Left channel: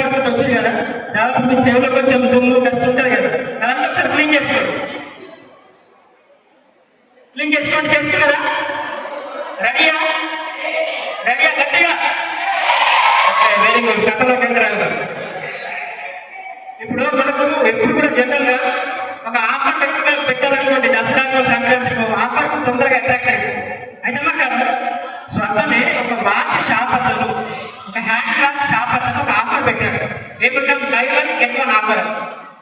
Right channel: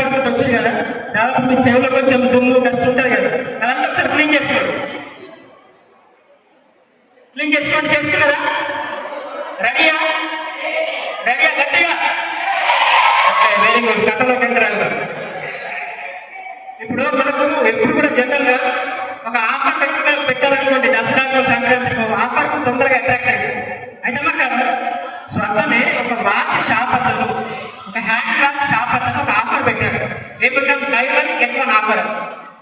పడుకుంటూ వచ్చింది కదా, దాదాపు మీ చెవులో కొంచెం దుమ్ము డస్ట్ ఉంటుంది కదా, అదంతా ఒకసారి క్లీన్ చేసుకోండి. క్లీన్ చేసుకోండి. చేసుకున్నారా? రెడీయా? రెడీయా? గట్టిగా. Very good. కథలో కేంద్రాలు. ఇప్పుడు మనకు ఎప్పుడు కూడా జనరల్ గా ఒక ఆఫర్ పెట్టాలనుకోండి, దసరాకు సంక్రాంతికి ఆఫర్ తొందరగా అట్రాక్ట్ అయ్యింది. అయితే కాదు, స్వతనే ఒక వాచ్ షాప్ అతను, ఒక హ్యాండ్ క్రాఫ్ట్ షాప్ అతను ఒక ఆఫర్ పెట్టాడు. ఏమంటాం? Buy one get one offer.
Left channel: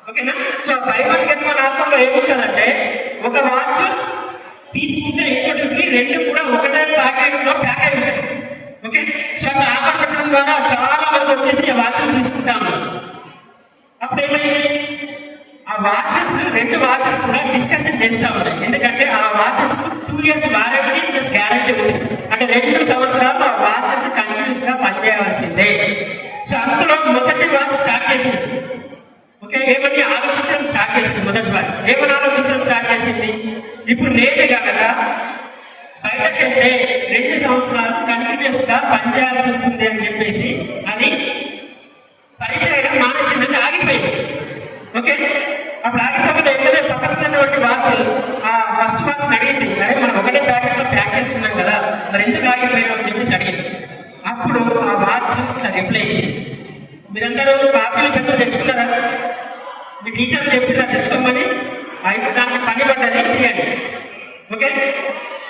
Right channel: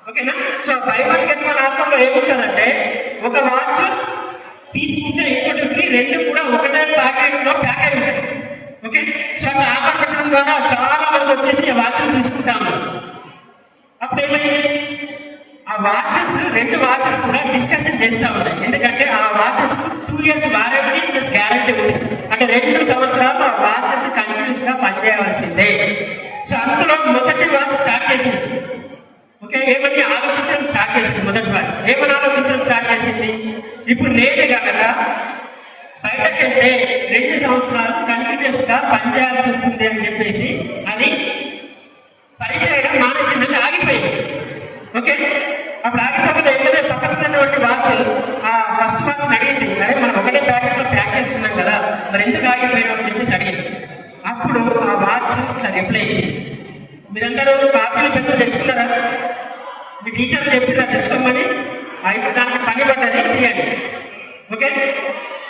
ఓకేనా? So buy one get one offer లో ఏముంటుందంటే, ఒక వాచ్ తీసుకుంటే ఇంకోటి ఫ్రీ, రెండు కూడా ఒకటే ప్యాకేజ్ లో ప్యాకేజ్ ఉంటుంది. ఓకే, సో అట్లా ఆఫర్ పెట్టడం ద్వారా చాలా మంది వచ్చేసి ఆ వాచ్ తీసుకుంటాము. అప్పుడు ఏమైంది? ఆ వాచెస్, రెండు వాచెస్ కూడా డిస్కషన్ చేస్తా ఉన్నాయి. ఎందుకంటే ఆ watches 2 years warranty plus guarantee ఉంది. అంటే 2 సంవత్సరాలు ఆ వాచెస్ కంటిన్యూస్ గా పనిచేయవలసిందే. సో అందులో మొదటి వాచ్ స్టార్ట్ చేసింది. ఓకే, ఏమని ఆలోచించడం స్టార్ట్ చేసింది. మొదటి వాచ్ ఏమని ఆలోచించడం స్టార్ట్ చేసింది? ఇప్పుడు నేను కనుక బయటకెళ్తే 2 సంవత్సరాలు కంటిన్యూస్ గా పనిచేయాల్సి వస్తుంది అని చెప్పేసి అది పరిచయం మానసికంగా ఆగిపోయింది. ఓకే, అప్పుడు ఆగిపోతే ఏంటంటే పక్కనటువంటి వాచ్ ఆ ఫస్ట్ వాచ్ అడిగింది, అరే మనం ఒకటే ప్యాకెట్ లో ప్యాక్ చేస్తున్నాం కదా, మరి ఎందుకు ఆగిపోయాం అని చెప్పేసి అడిగింది. అప్పుడు ఆ వాచ్ ఇట్లా రిప్లై ఇచ్చింది. మీరందరూ కాపీలు పెద్దలు తెచ్చుకున్నారా? మీ టీచర్ చెప్పినా తెచ్చుకోమని, దానికి పని పడ్డది తీయండి. ఓకే,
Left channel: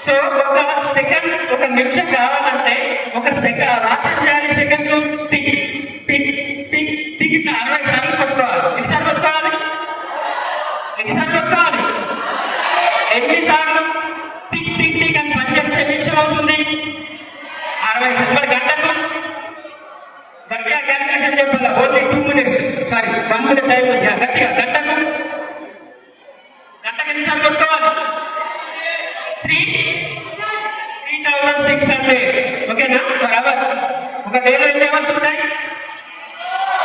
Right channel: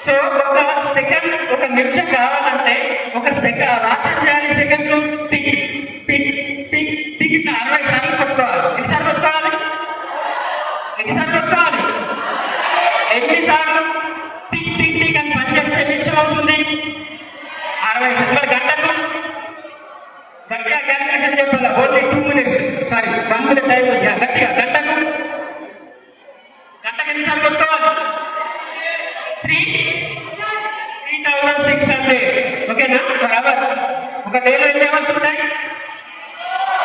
సో ఒక సెకండ్, ఒక నిమిషం కావాలంటే ఒక సెకండ్ వాచ్ చేయాలి. సెకండ్లు టిక్ టిక్ టిక్ టిక్ ఇట్లా 60 సార్లు పట్టుకోవాలి. ఎన్నిసార్లు పట్టుకోవాలి? ఎన్నిసార్లు పట్టుకోవాలి? ఎన్నిసార్లు టిక్ టిక్ టిక్ అని పనిచేస్తే నిమిషం అవుతుంది? 60 సార్లు. గంటకు గట్టిగా క్యాల్కులేషన్ చెప్పాలి. Only 2 minutes, sorry 1 minute time ఉంది. గట్టిగా గంటకు ఎన్నిసార్లు పట్టుకోవాలి? 3600. ఓకేనా? Per hour. ఒక డేలో ఎన్ని అవర్స్ ఉంటాయి?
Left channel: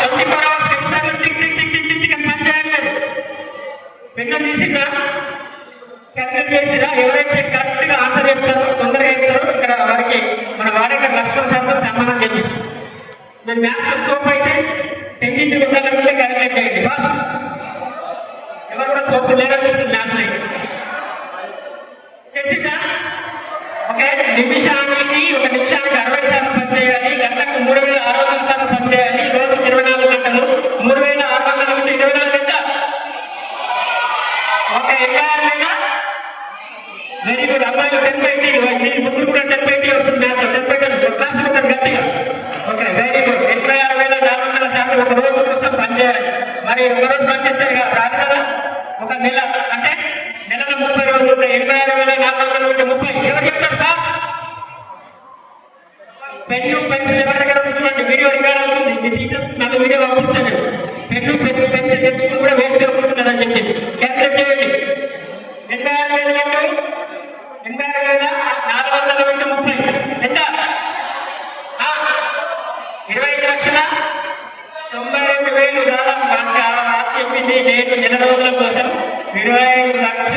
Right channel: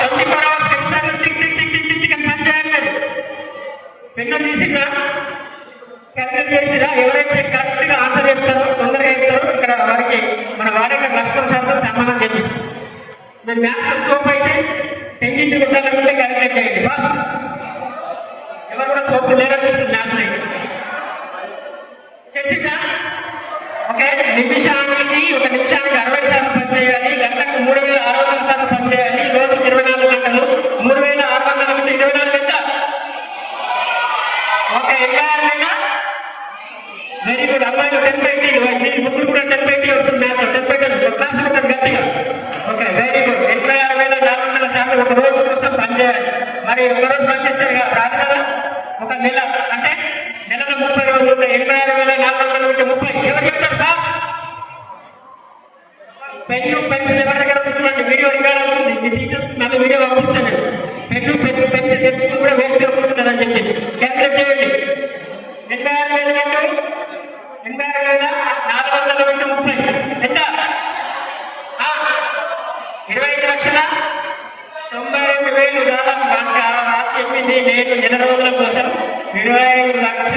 24 hours. ఎన్నిసార్లు tick tick tick tick tick అని పనిచేయాలి. పెన్ను తీసిరా, క్యాల్కులేట్ చేసిరా. ఎవరైతే కరెక్ట్ గా ఆన్సర్ చెప్తారో, తొందరగా చెప్తారో, ఇక్కడ వారికి మన వాడక లక్ష్మణ్ సార్తో సన్మానం చేపిస్తాం. నేను మ్యాథ్స్ తోపు అయితే టెన్షన్ ఉండాలనుకుంటే క్యాల్కులేట్ చేయండి. బాస్ ఎవరు కూడా తోపు లేననిపిస్తుంది మ్యాథ్స్ అయితే. చేసిరా? ఓకే, నిమిషానికి, ఒక నిమిషానికి 60 సార్లు పనిచేయాలి. గంటకు 3600 సార్లు పనిచేయాలి. రోజుకు 24 గంటలు. 3600 అంటే 24 గంటలు. Okay, very good. అబ్బాయిలు 10/20, ఇప్పుడు కూడా 10/20 వస్తుంది. 10/20 క్లాస్ ఉంటుంది గట్టిగా. Okay, very good. 86,400 సార్లు ఒక రోజు కోసం పనిచేయాలి. మరి ఒక రోజు పనిచేస్తారు ప్రార్థన ఒక నెల అంటే నెలలో 30 రోజులు ఉంటాయి. 86,430. ఎవరు చెప్తారు క్లాస్? పెన్ను పెన్సిల్ ఎవరి దగ్గర కూర్చోండి. వీడియో రికార్డ్ అవుతుంది. మీ టీచర్స్ నన్ను వీడియో పంపిస్తాను. పెన్ను పెన్సిల్ తెచ్చుకుని కూడా వేస్ట్ కూర్చున్నారని చెప్పేసి క్యాల్కులేట్ చేయండి. 86,430 ఎంత? 25,95,000. దాదాపు వాచ్ చెప్పింది. నేను నెల రోజుల కోసం 25,00,000